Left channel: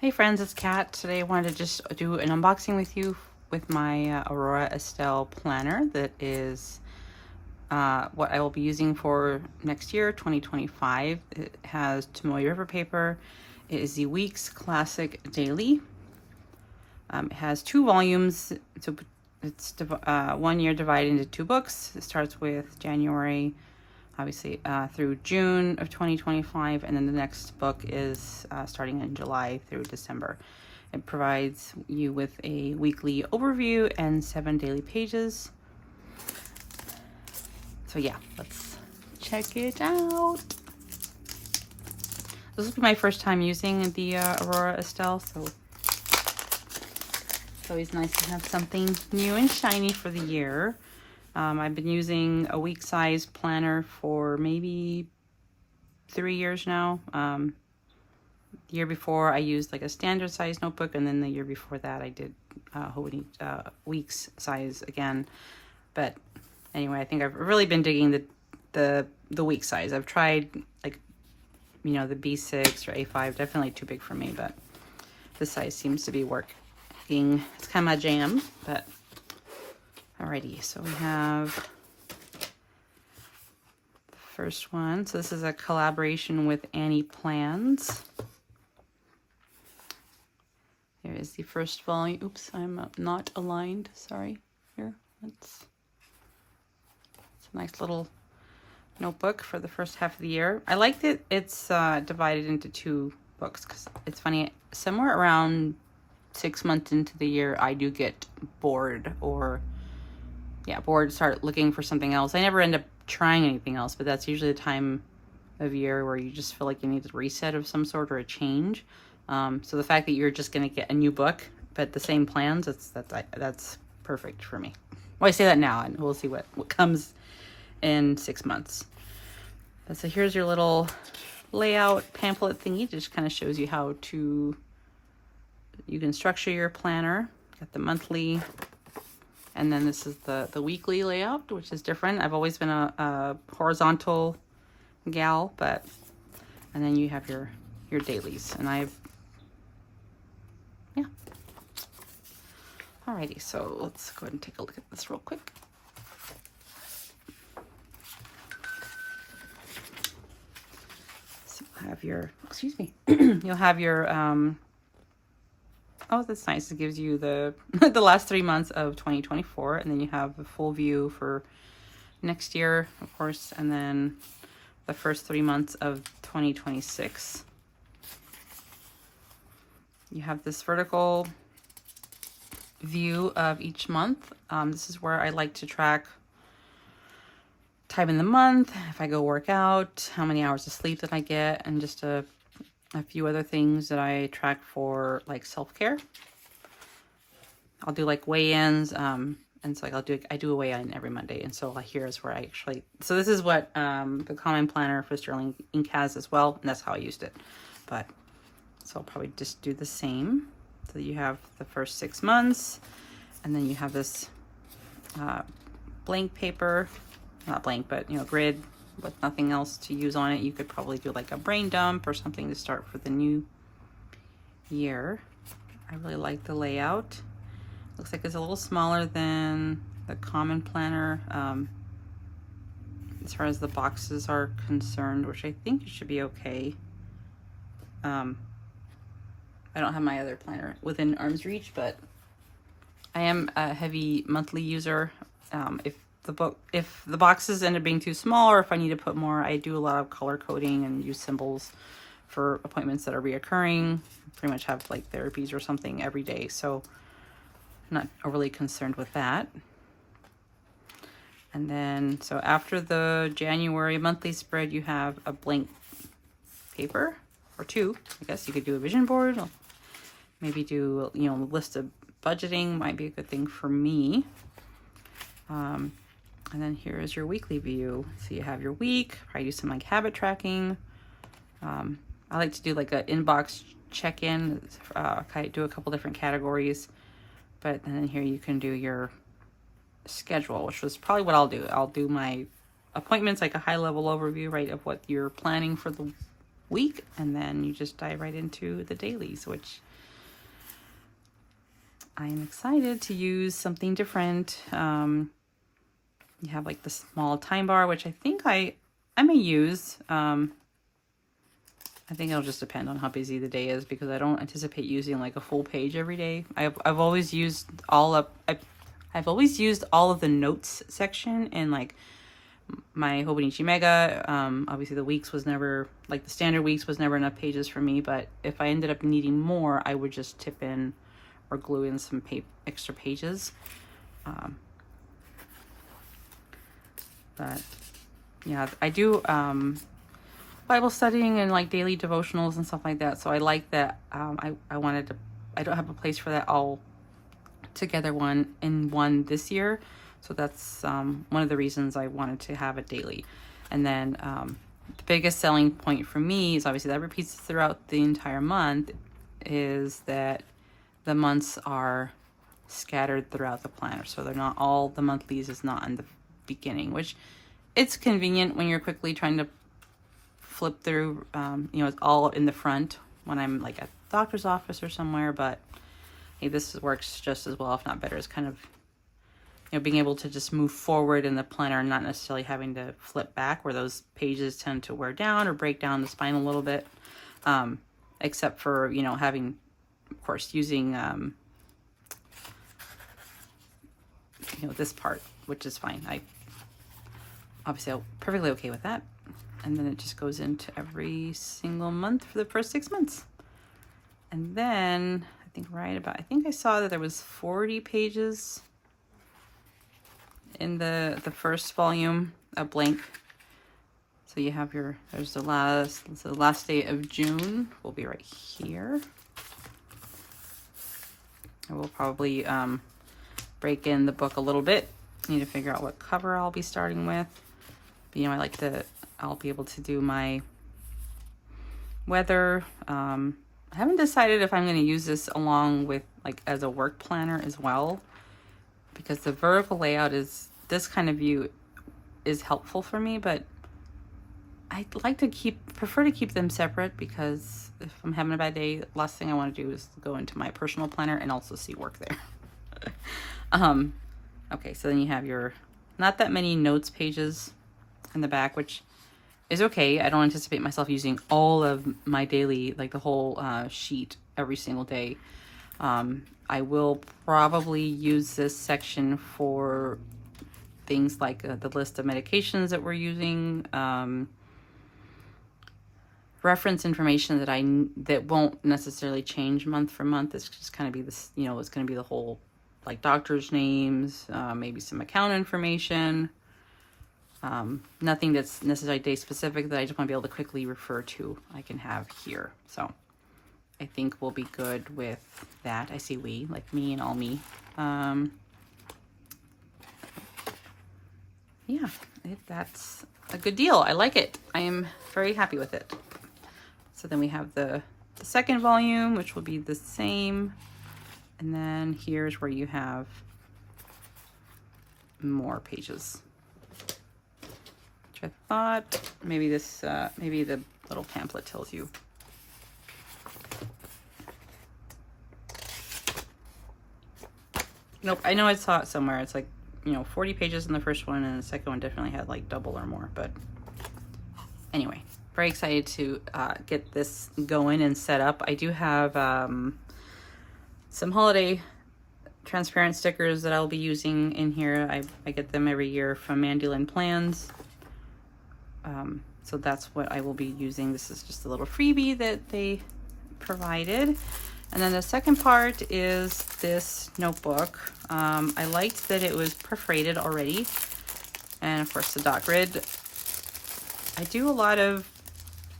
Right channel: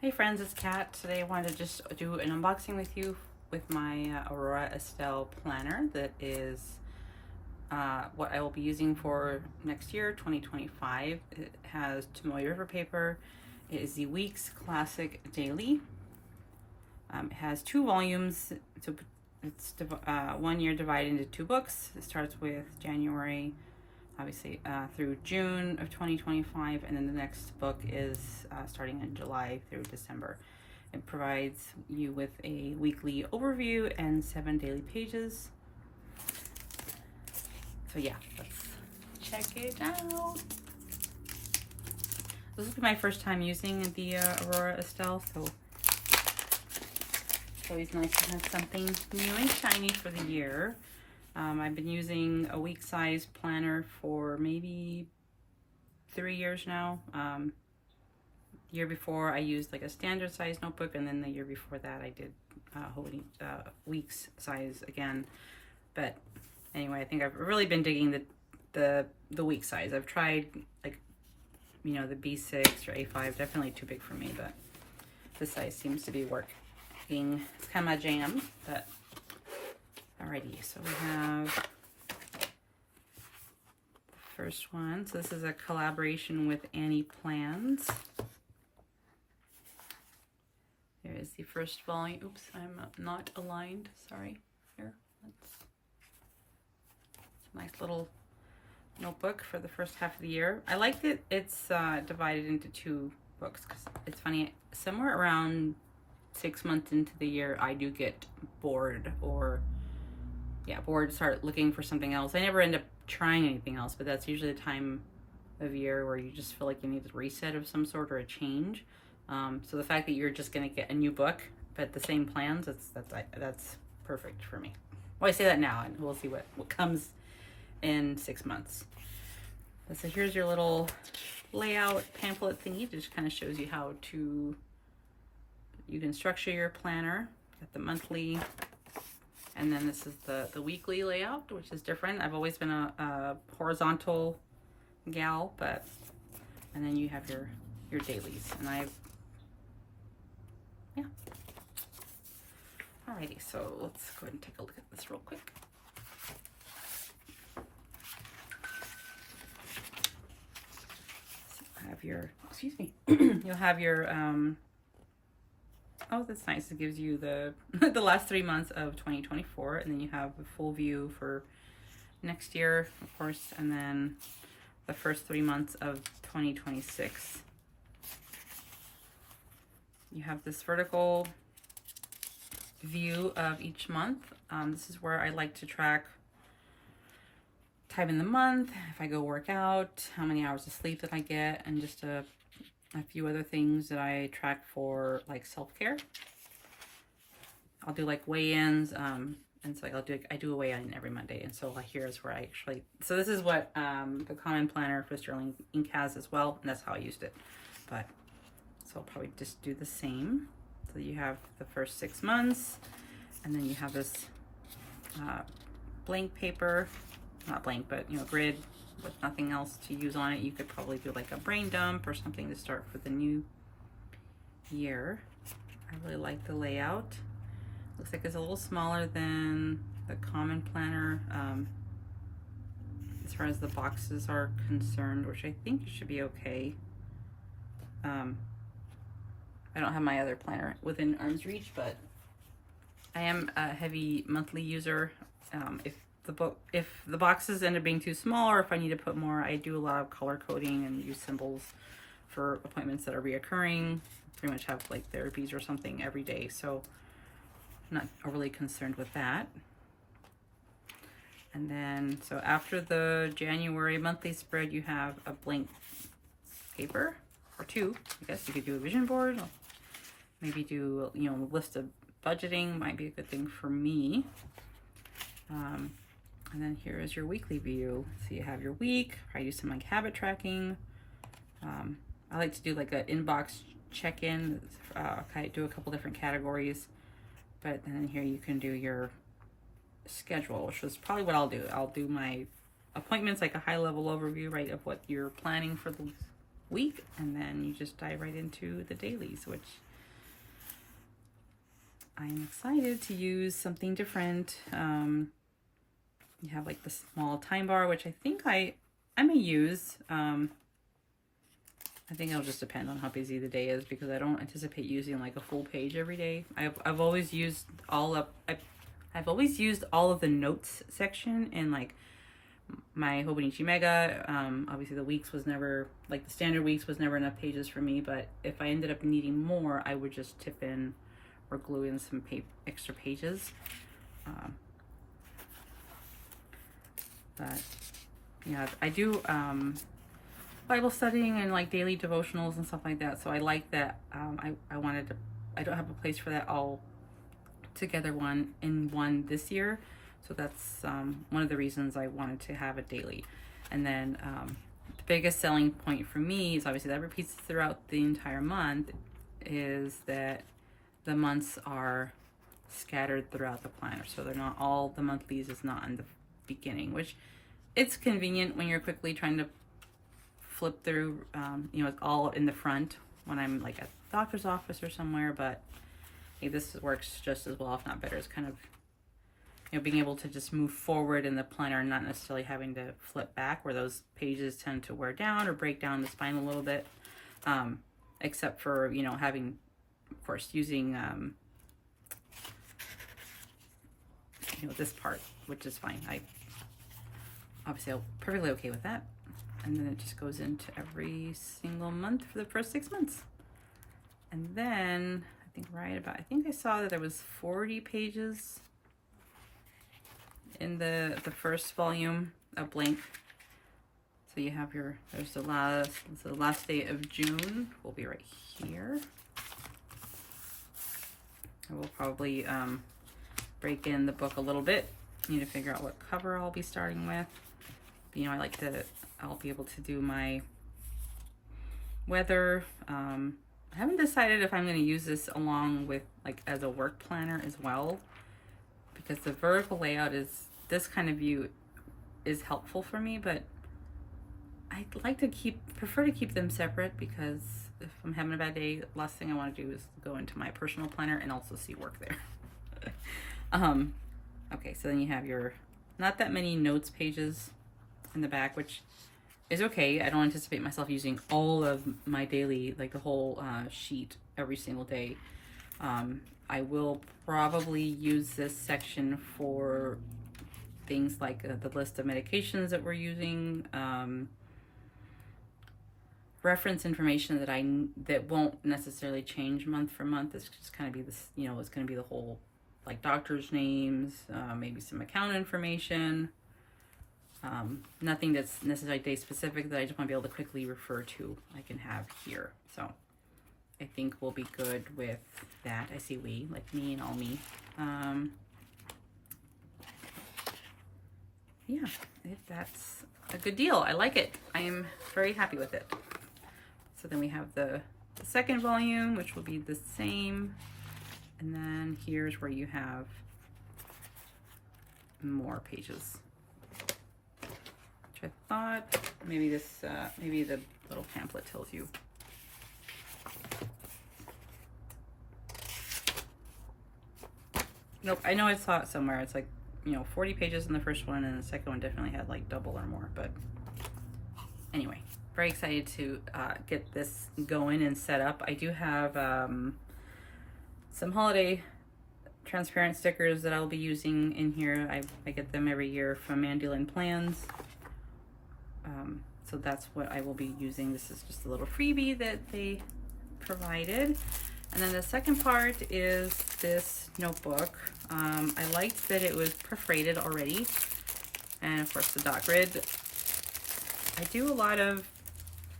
Hey friends, it's Kat. Today I wanted to just do an unboxing with you with my Aurora Estelle planner that is what I will be using for next year, 2025. It has Tomoe River paper. It is the Weeks Classic Daily. It has 2 volumes. So it's 1 year divided into 2 books. It starts with January obviously through June of 2025, and then the next book is starting in July through December. It provides you with a weekly overview and 7 daily pages. So yeah, let's check it out. This will be my first time using the Aurora Estelle, so it's always nice to have something new and shiny for the year. I've been using a week size planner for maybe 3 years now. The year before I used like a standard size notebook, and then the year before that I did weeks size again. But anyway, I think I've really been digging the week size. I've tried like, the B6 or A5, definitely too big for me, but this size seems to be working. It's kind of my jam, but alrighty, so we have the first one. So this is a collaboration with Annie Plans. Here is the first volume. Oops, I'm not aligned. Sorry. Here, it's a nice little notebook for the first half of the year. I like that it's divided into 2 books because it's funny. Somewhere around 6 months into the year, I do get bored start looking for something else. I never end up trying anything else, but that's usually the time of year where you just feel like you need a reset of some sort or a change. So the fact that you're just going to get a new book, but the same plans, that's perfect for me. Well, I say that now, and we'll see what comes in 6 months. So here's your little layout pamphlet thingy. It just kind of shows you how you can structure your planner. Got the monthly, and then this is the weekly layout, which is different. I've always been a horizontal gal, and then you have your dailies, and Alrighty, so let's go ahead and take a look at this real quick. So you'll have your, you'll have your, oh, that's nice. It gives you the the last 3 months of 2024, and then you have the full view for next year, of course, and then the first 3 months of 2026. You have this vertical view of each month. This is where I like to track time in the month, if I go work out, how many hours of sleep that I get, and just a few other things that I track for like self-care. I'll do like weigh-ins, and so like I do a weigh-in every Monday, and so here's where I actually, so this is what the common planner for Sterling Ink has as well, and that's how I used it. But so I'll probably just do the same. So you have the first 6 months, and then you have this blank paper, not blank, but grid with nothing else to use on it. You could probably do like a brain dump or something to start for the new year. I really like the layout. Looks like it's a little smaller than the common planner as far as the boxes are concerned, which I think it should be okay. I don't have my other planner within arm's reach, but I am a heavy monthly user. If the boxes end up being too small, or if I need to put more, I do a lot of color coding and use symbols for appointments that are reoccurring. Pretty much have like therapies or something every day, so I'm not overly concerned with that. And then, so after the January monthly spread, you have a blank paper, or 2. I guess you could do a vision board, or maybe do, a list of budgeting might be a good thing for me. And then here is your weekly view. So you have your week. I do some like habit tracking. I like to do like an inbox check-in. I do a couple different categories, but then here you can do your schedule, which was probably what I'll do. I'll do my appointments, like a high-level overview, right, of what you're planning for the week, and then you just dive right into the dailies, which I'm excited to use something different. You have like the small time bar, which I think I may use. I think it'll just depend on how busy the day is, because I don't anticipate using like a full page every day. I've always used I've always used all of the notes section in like my Hobonichi Mega. Obviously the weeks was never, like the standard weeks was never enough pages for me, but if I ended up needing more, I would just tip in or glue in some extra pages. But yeah, I do Bible studying and like daily devotionals and stuff like that. So I like that. I don't have a place for that all together one this year. So that's one of the reasons I wanted to have it daily. And then the biggest selling point for me is, obviously that repeats throughout the entire month, is that the months are scattered throughout the planner. So they're not all, the monthlies is not in the beginning, which it's convenient when you're quickly trying to flip through. It's all in the front when I'm like at the doctor's office or somewhere, but hey, this works just as well, if not better. It's kind of, being able to just move forward in the planner, not necessarily having to flip back, where those pages tend to wear down or break down the spine a little bit. Except for, having, of course, using, this part, which is fine. Obviously I'm perfectly okay with that. And then it just goes into every single month for the first 6 months. And then I think I saw that there was 40 pages in the first volume of blank. So you have there's the last day of June will be right here. I will probably break in the book a little bit. Need to figure out what cover I'll be starting with. But, I'll be able to do my weather. I haven't decided if I'm going to use this along with like as a work planner as well, because the vertical layout is, this kind of view is helpful for me, but I like to prefer to keep them separate, because if I'm having a bad day, last thing I want to do is go into my personal planner and also see work there. Okay, so then you have your, not that many notes pages in the back, which is okay. I don't anticipate myself using all of my daily, like the whole sheet every single day. I will probably use this section for things like the list of medications that we're using, reference information that won't necessarily change month for month. It's just kind of be this, it's going to be the whole, like doctors' names, maybe some account information. Nothing that's necessarily day specific that I just want to be able to quickly refer to, I can have here. So I think we'll be good with that. I see we, like me and all me. Yeah, I think that's a good deal. I like it. I am very happy with it. So then we have the second volume, which will be the same. And then here's where you have more pages. Which I thought maybe this, maybe the little pamphlet tells you. Nope, I know I saw it somewhere. It's like, 40 pages in the first one, and the second one definitely had like double or more. But anyway, very excited to get this going and set up. I do have some holiday transparent stickers that I'll be using in here. I get them every year from Mandolin Plans. So that's what I will be using. This is just a little freebie that they provided. And then the second part is this notebook. I liked that it was perforated already. And of course the dot grid. I do a lot of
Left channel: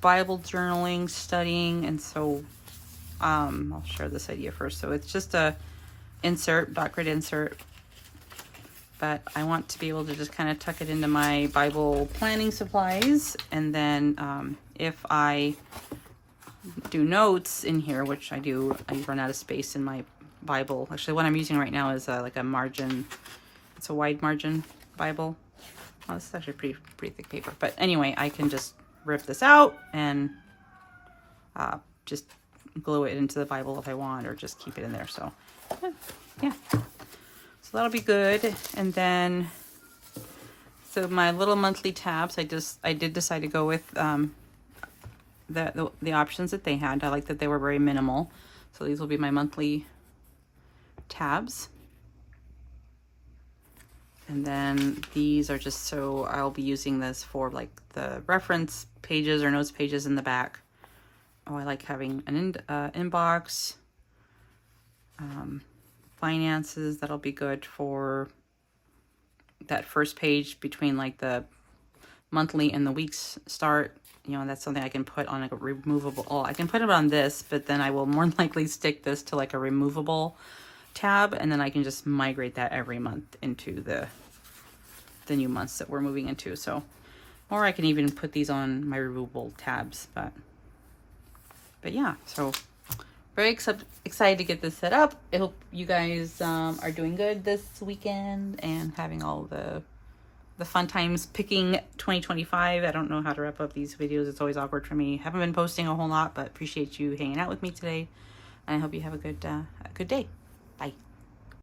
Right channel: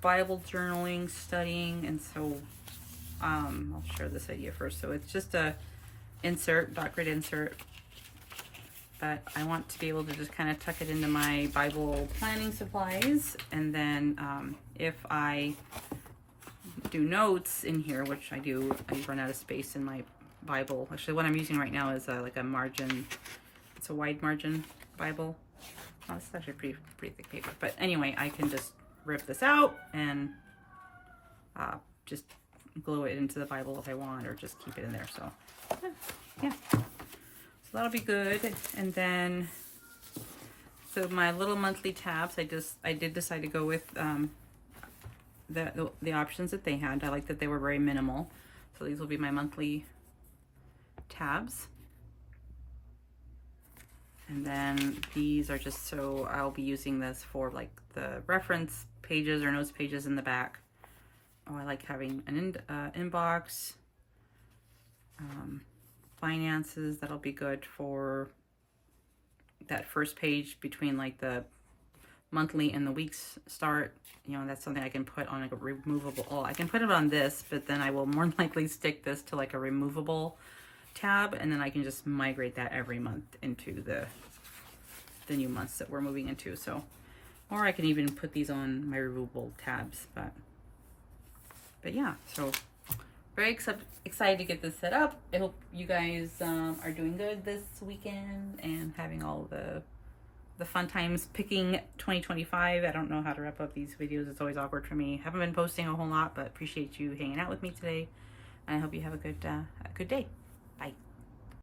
Bible journaling, studying, and so I'll share this idea first. So it's just a dot grid insert. But I want to be able to just kind of tuck it into my Bible planning supplies. And then if I do notes in here, which I do, I run out of space in my Bible. Actually, what I'm using right now is like a margin. It's a wide margin Bible. Oh, this is actually pretty thick paper. But anyway, I can just rip this out and just glue it into the Bible if I want, or just keep it in there. So yeah, so that'll be good. And then, so my little monthly tabs, I did decide to go with the options that they had. I like that they were very minimal. So these will be my monthly tabs. And then these are just so I'll be using this for like the reference pages or notes pages in the back. Oh, I like having an inbox. Finances, that'll be good for that first page between like the monthly and the weeks start. You know, that's something I can put on like a removable. Oh, I can put it on this, but then I will more likely stick this to like a removable tab, and then I can just migrate that every month into the new months that we're moving into. So, or I can even put these on my removable tabs, but yeah, so very excited to get this set up. I hope you guys are doing good this weekend and having all the fun times picking 2025. I don't know how to wrap up these videos. It's always awkward for me. Haven't been posting a whole lot, but appreciate you hanging out with me today. And I hope you have a good day. Bye.